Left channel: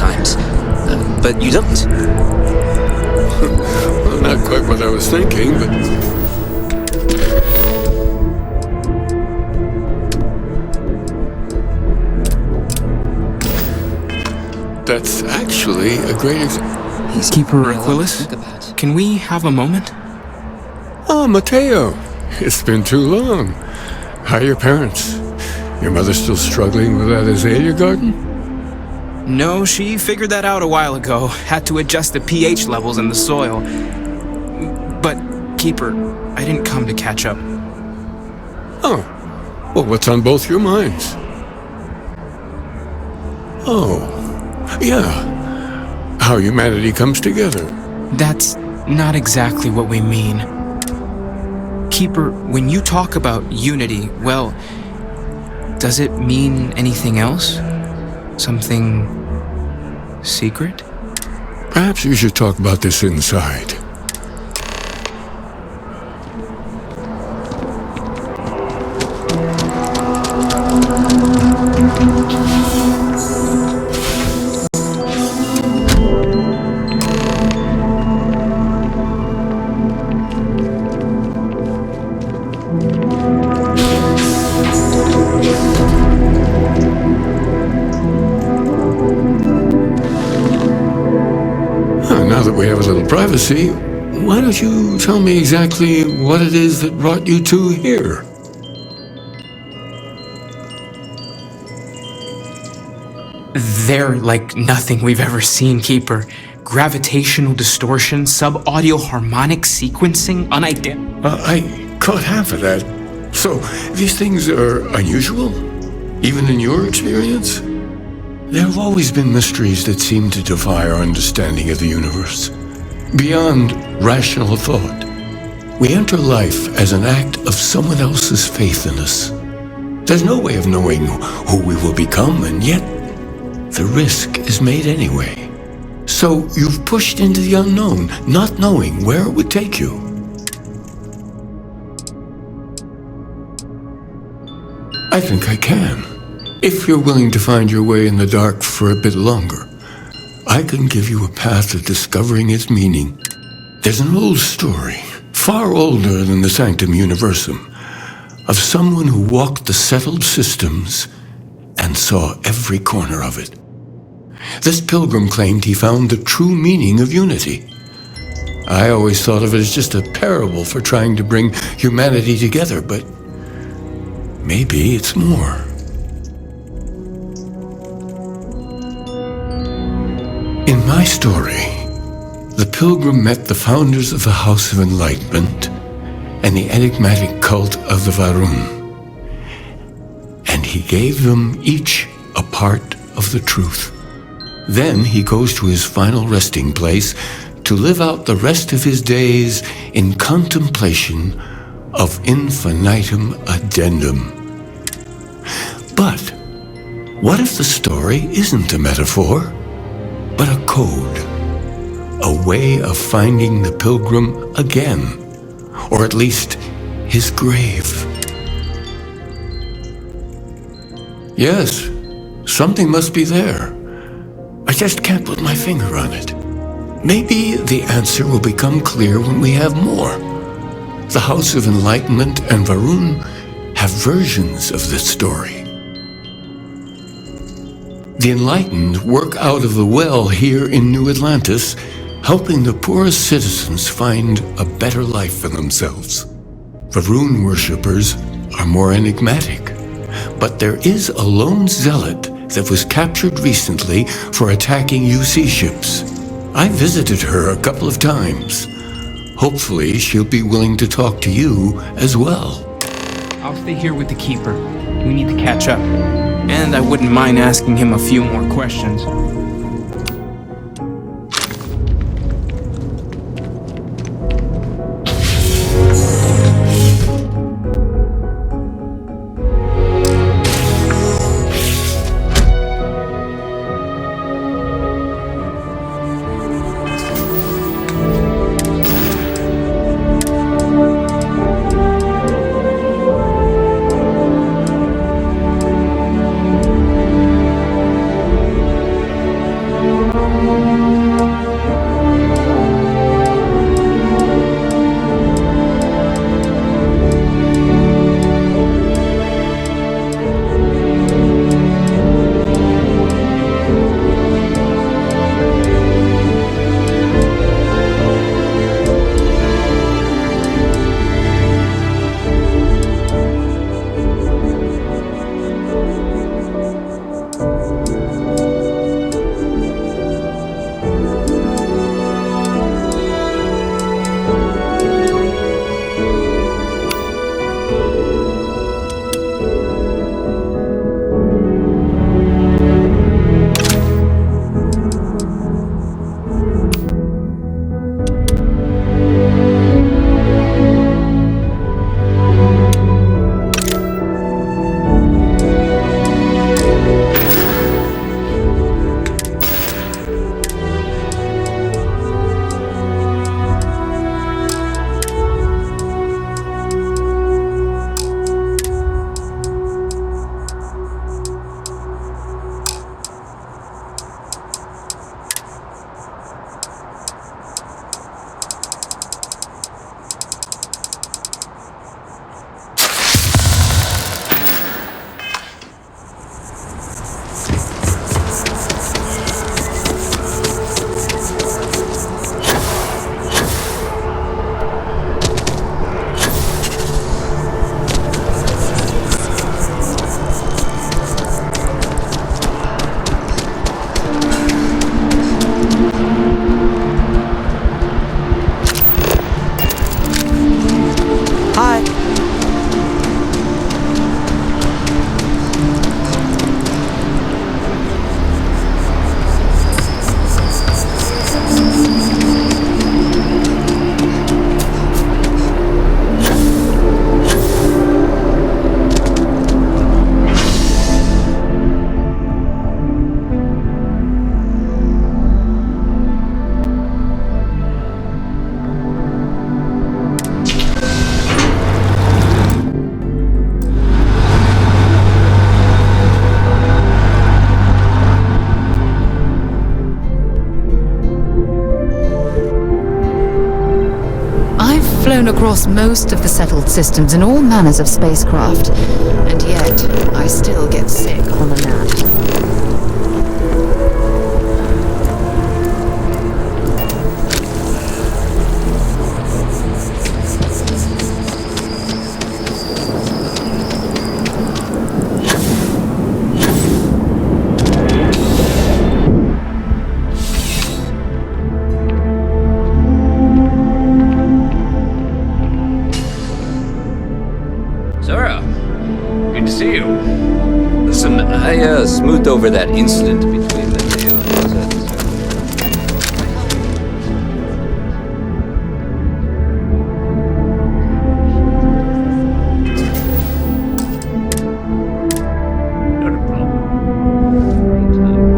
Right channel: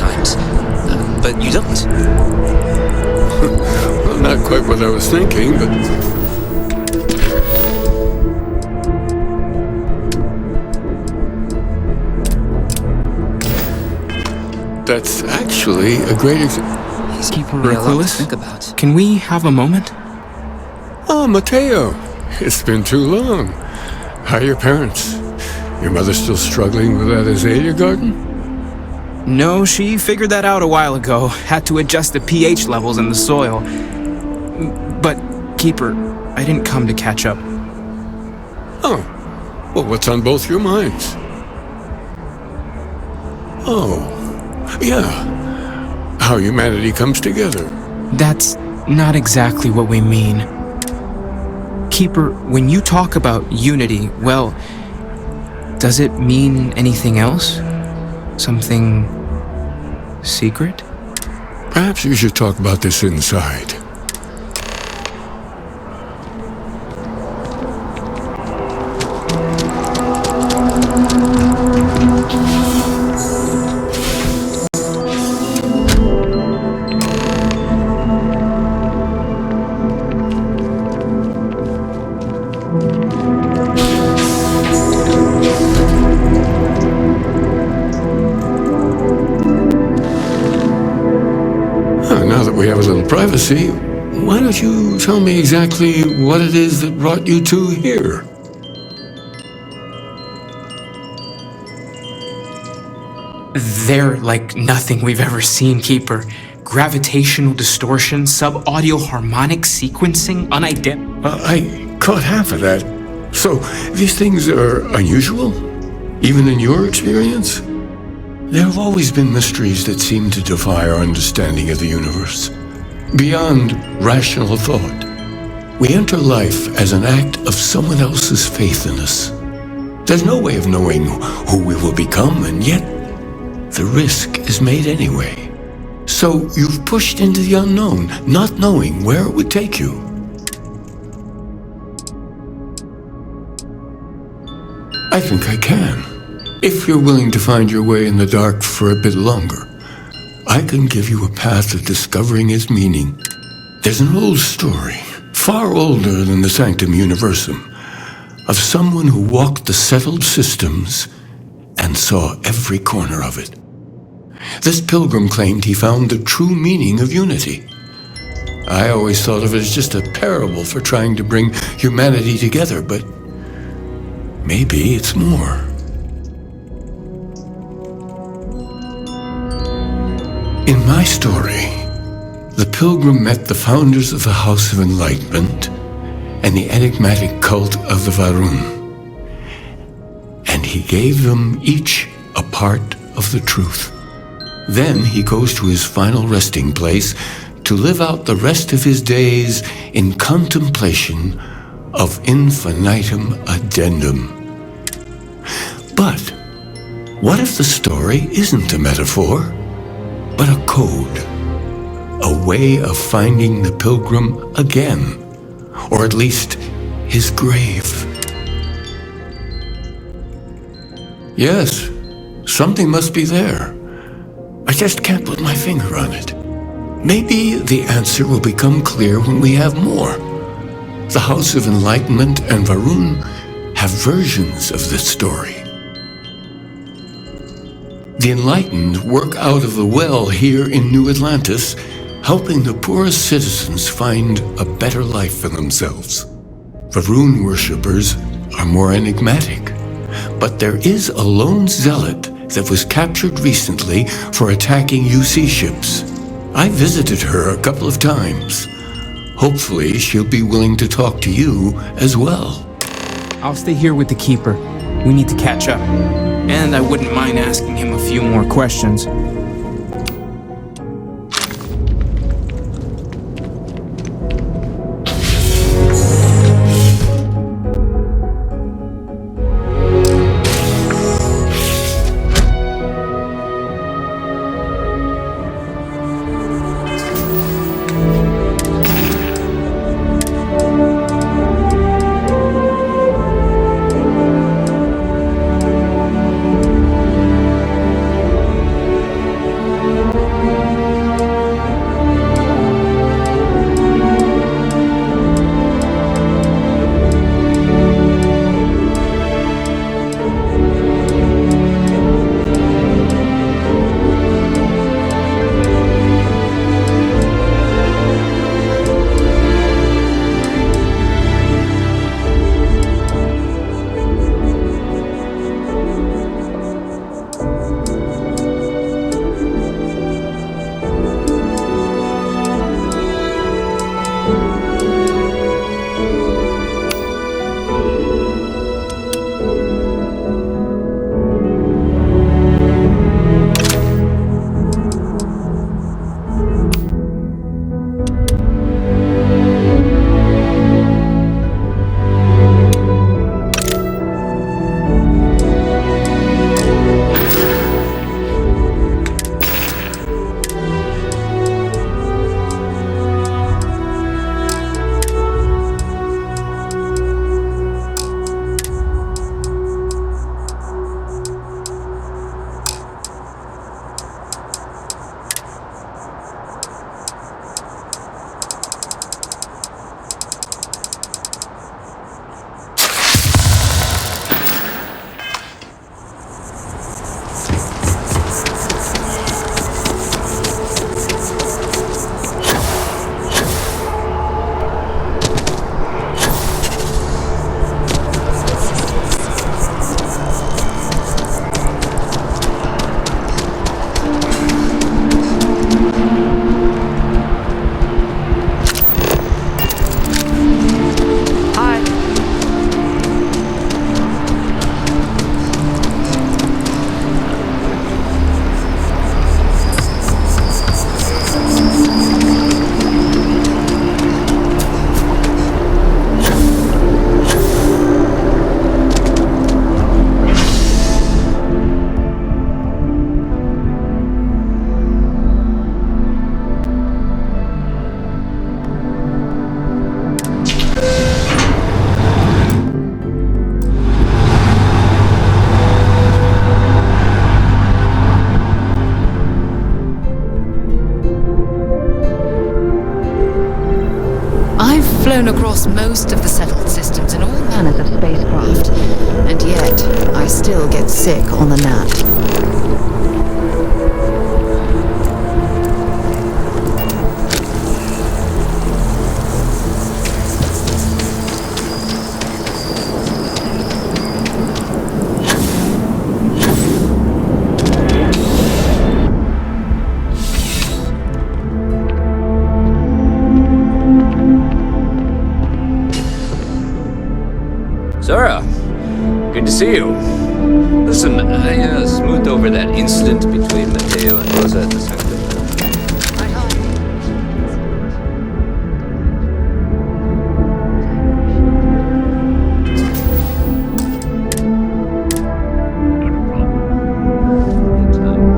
sometimes, but you don't. Well, not quite what I was thinking, but... That's actually a great example. Keeper Aquilus, can we have a moment? Oh, Mateo. It's been too long. How are your parents? Your mother still struggling with that azalea garden? No, she figured that out a while ago. Had to adjust the pH levels in the soil. But, Keeper, I didn't come to catch up. Oh. Well, what's on both your minds? Oh. Yeah. How humanity comes together. That's not exactly what we mean. Keeper, when you talk about unity, well, does it mean anything else? Something secret? Perhaps we should talk about this inside. Now that we have a little privacy, why don't you tell me exactly what it is that brought you two here? They're like nothing we've ever seen, Keeper. Gravitational distortion, sub-audio harmonic sequencing, I caught half of that. So, these things are unusual? Even in your experience? There have always been mysteries that seem to defy our understanding of the universe. Beyond rational thought, we enter life as an act of someone else's faith in us. There's no way of knowing who we will become, and yet the risk is made anyway. So you've pushed into the unknown, not knowing where it would take you. I think I can. If you're willing to find your way in the dark for a bit longer, I can give you a path to discovering its meaning. There's an old story, far older than the Sanctum Universum, of someone who walked the settled systems and saw every corner of it. This pilgrim claimed he found the true meaning of unity. I always thought of it as just a parable for trying to bring humanity together, but maybe it's more. In my story, the pilgrim met the founders of the House of Enlightenment and the enigmatic cult of the Varun, and he gave them each a part of the truth. Then he goes to his final resting place to live out the rest of his days in contemplation of infinitum addendum. But what if the story isn't a metaphor, but a code, a way of finding the pilgrim again, or at least his grave? Yes, something must be there. I just can't put my finger on it. Maybe the answer will become clear when we have more. The House of Enlightenment and Varun have versions of this story. The enlightened work out of the well here in New Atlantis, helping the poorest citizens find a better life for themselves. Varun worshippers are more enigmatic, but there is a lone zealot that was captured recently for attacking UC ships. I visited her a couple of times. Hopefully she'll be willing to talk to you as well. I'll stay here with the Keeper. We need to catch up. And I wouldn't mind asking him a few more questions. I've flown across most of the settled systems in all manners of spacecraft, and yet I still get sick on the land. Zara, good to see you. Listen, I smoothed over that incident between Mateo and Rosa at the center. Not a problem. Anytime.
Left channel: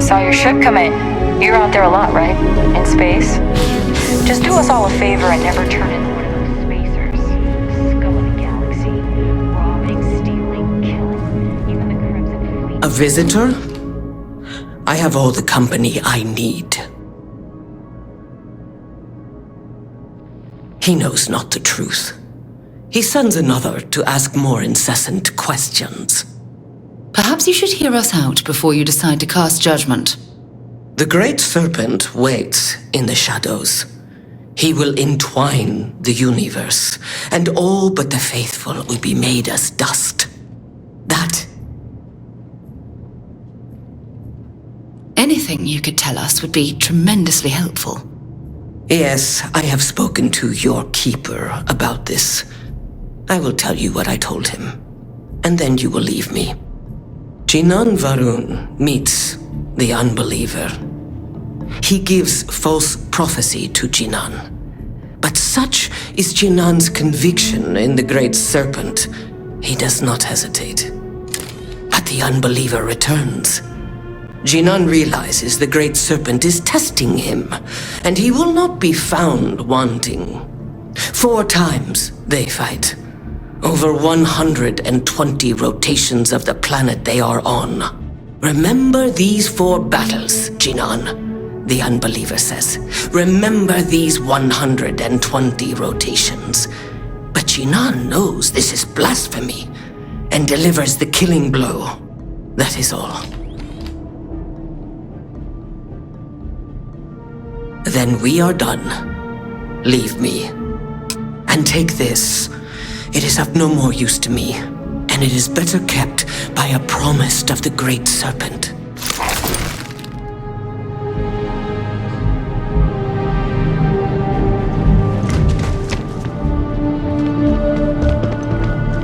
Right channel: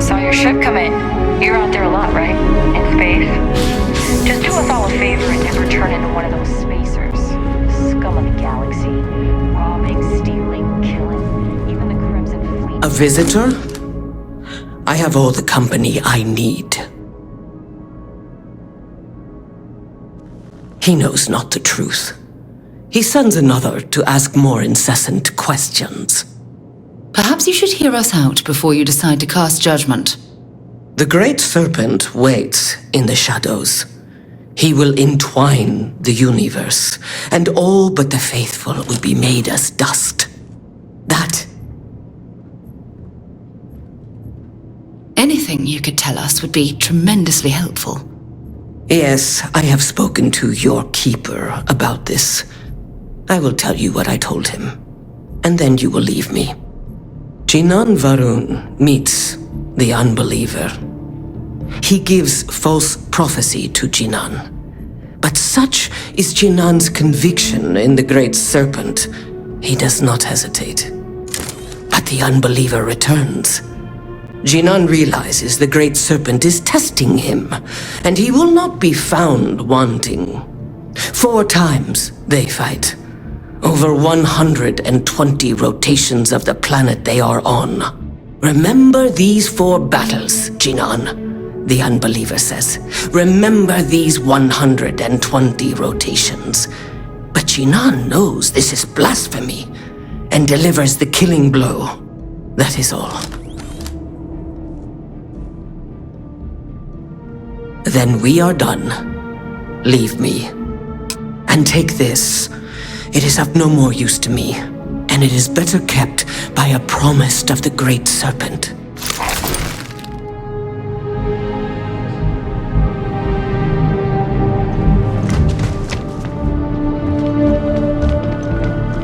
Saw your ship come in. You're out there a lot, right? In space? Just do us all a favor and never turn into one of those spacers. Scum of the galaxy. Robbing, stealing, killing. Even the Crimson Fleet. A visitor? I have all the company I need. He knows not the truth. He sends another to ask more incessant questions. Perhaps you should hear us out before you decide to cast judgment. The great serpent waits in the shadows. He will entwine the universe, and all but the faithful will be made as dust. That... Anything you could tell us would be tremendously helpful. Yes, I have spoken to your keeper about this. I will tell you what I told him, and then you will leave me. Jinan Varun meets the unbeliever. He gives false prophecy to Jinan. But such is Jinan's conviction in the Great Serpent, he does not hesitate. But the unbeliever returns. Jinan realizes the Great Serpent is testing him, and he will not be found wanting. 4 times they fight. Over 120 rotations of the planet they are on. Remember these 4 battles, Jinan, the unbeliever says. Remember these 120 rotations. But Jinan knows this is blasphemy and delivers the killing blow. That is all. Then we are done. Leave me. And take this. It is of no more use to me, and it is better kept by a promise of the Great Serpent.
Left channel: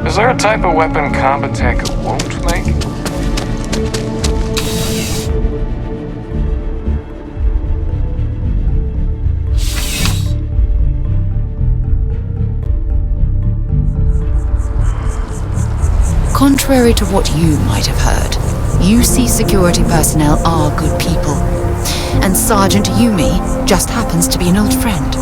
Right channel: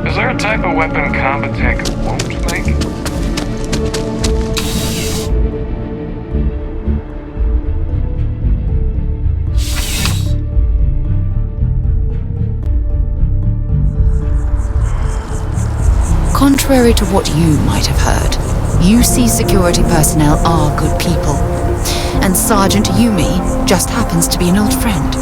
Is there a type of weapon combat tech won't make? Contrary to what you might have heard, UC security personnel are good people. And Sergeant Yumi just happens to be an old friend.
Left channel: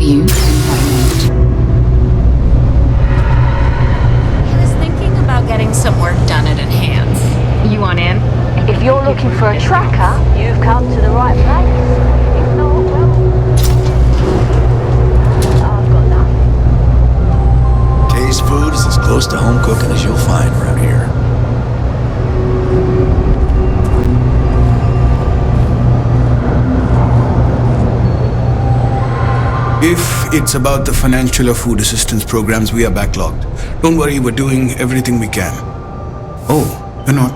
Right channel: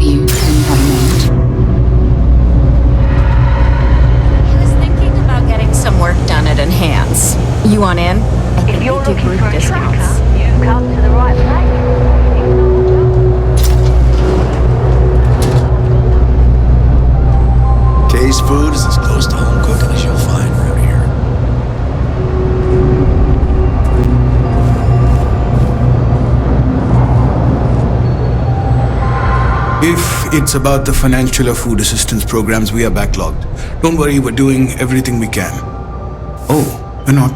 You didn't have a moment. I was thinking about getting some work done at Enhance. You want in? If you're looking for a tracker, you've come to the right place. If not, well, I've got nothing. Kay's food is as close to home cooking as you'll find around here. If it's about the financial or food assistance programs, we are backlogged. Don't worry, we're doing everything we can. Oh, you're not?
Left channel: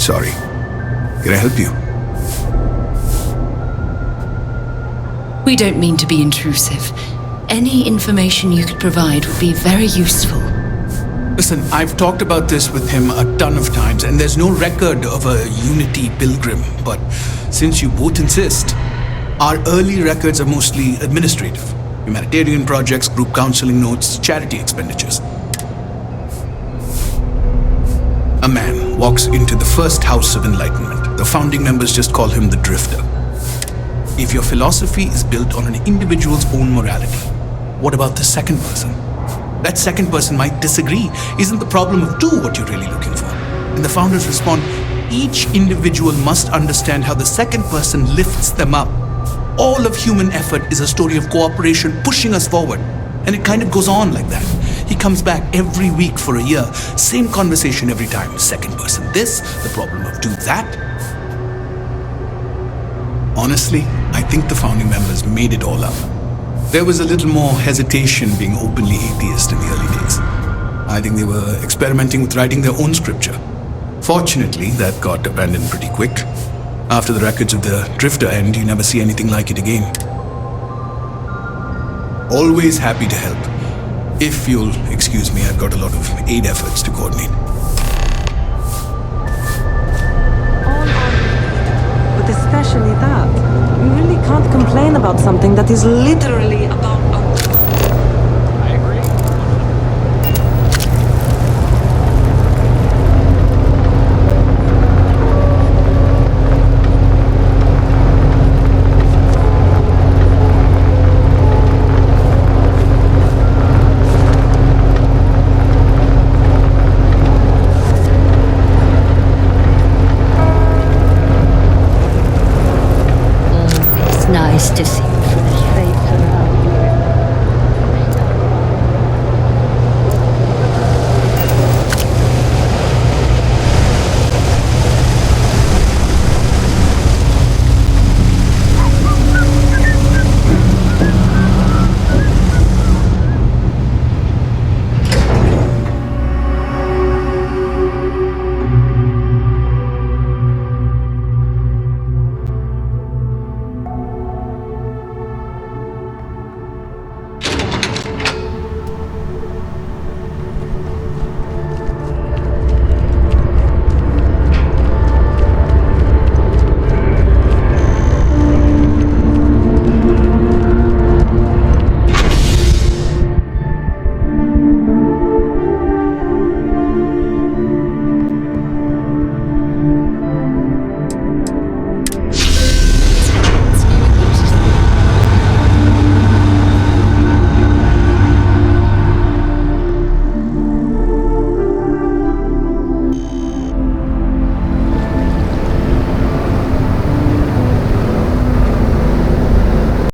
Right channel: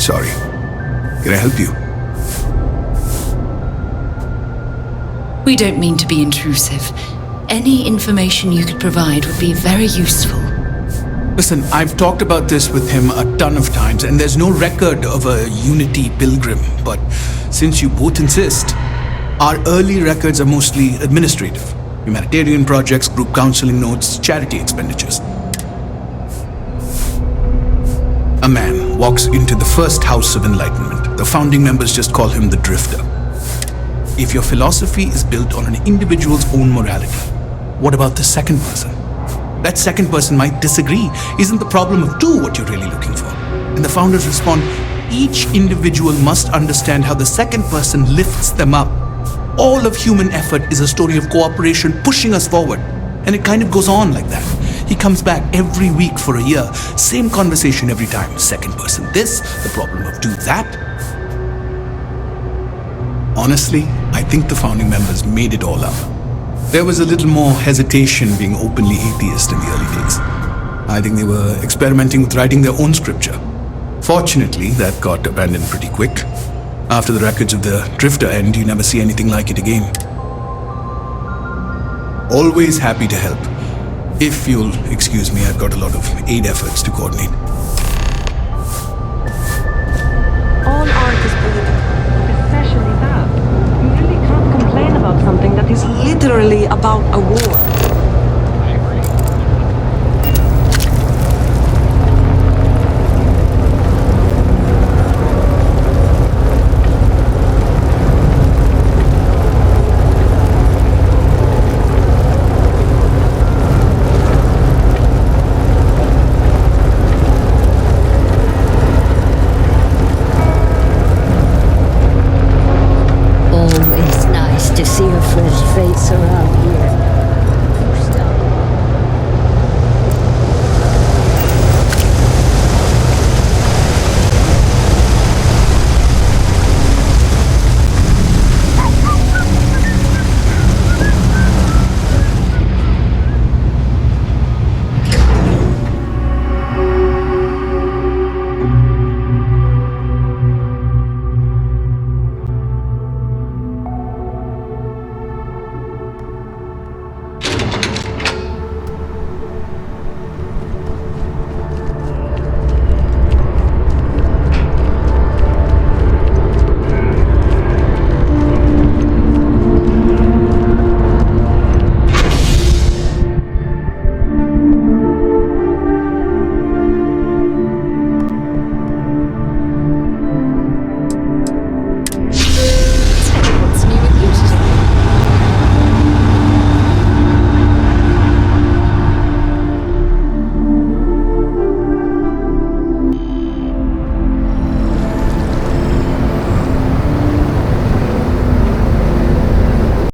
Sorry. Can I help you? We don't mean to be intrusive. Any information you could provide would be very useful. Listen, I've talked about this with him a ton of times, and there's no record of a Unity pilgrim. But since you both insist, our early records are mostly administrative. Humanitarian projects, group counseling notes, charity expenditures. A man walks into the first House of Enlightenment. The founding members just call him the Drifter. If your philosophy is built on an individual's own morality, what about the second person? That second person might disagree. Isn't the problem of two what you're really looking for? And the founders respond, each individual must understand how the second person lifts them up. All of human effort is a story of cooperation pushing us forward. And it kind of goes on like that. He comes back every week for a year. Same conversation every time. Second person this, the problem of two that. Honestly, I think the founding members made it all up. There was a little more hesitation being openly atheist in the early days. I think they were experimenting with writing their own scripture. Fortunately, that got abandoned pretty quick. After the records of the Drifter end, you never see anything like it again. Always happy to help. If you'll excuse me, I've got a lot of aid efforts to coordinate. All art is political, but especially that. You really can't complain about something that is literally about a war. I agree. Always nice to see a fresh face around here. What's new with you today?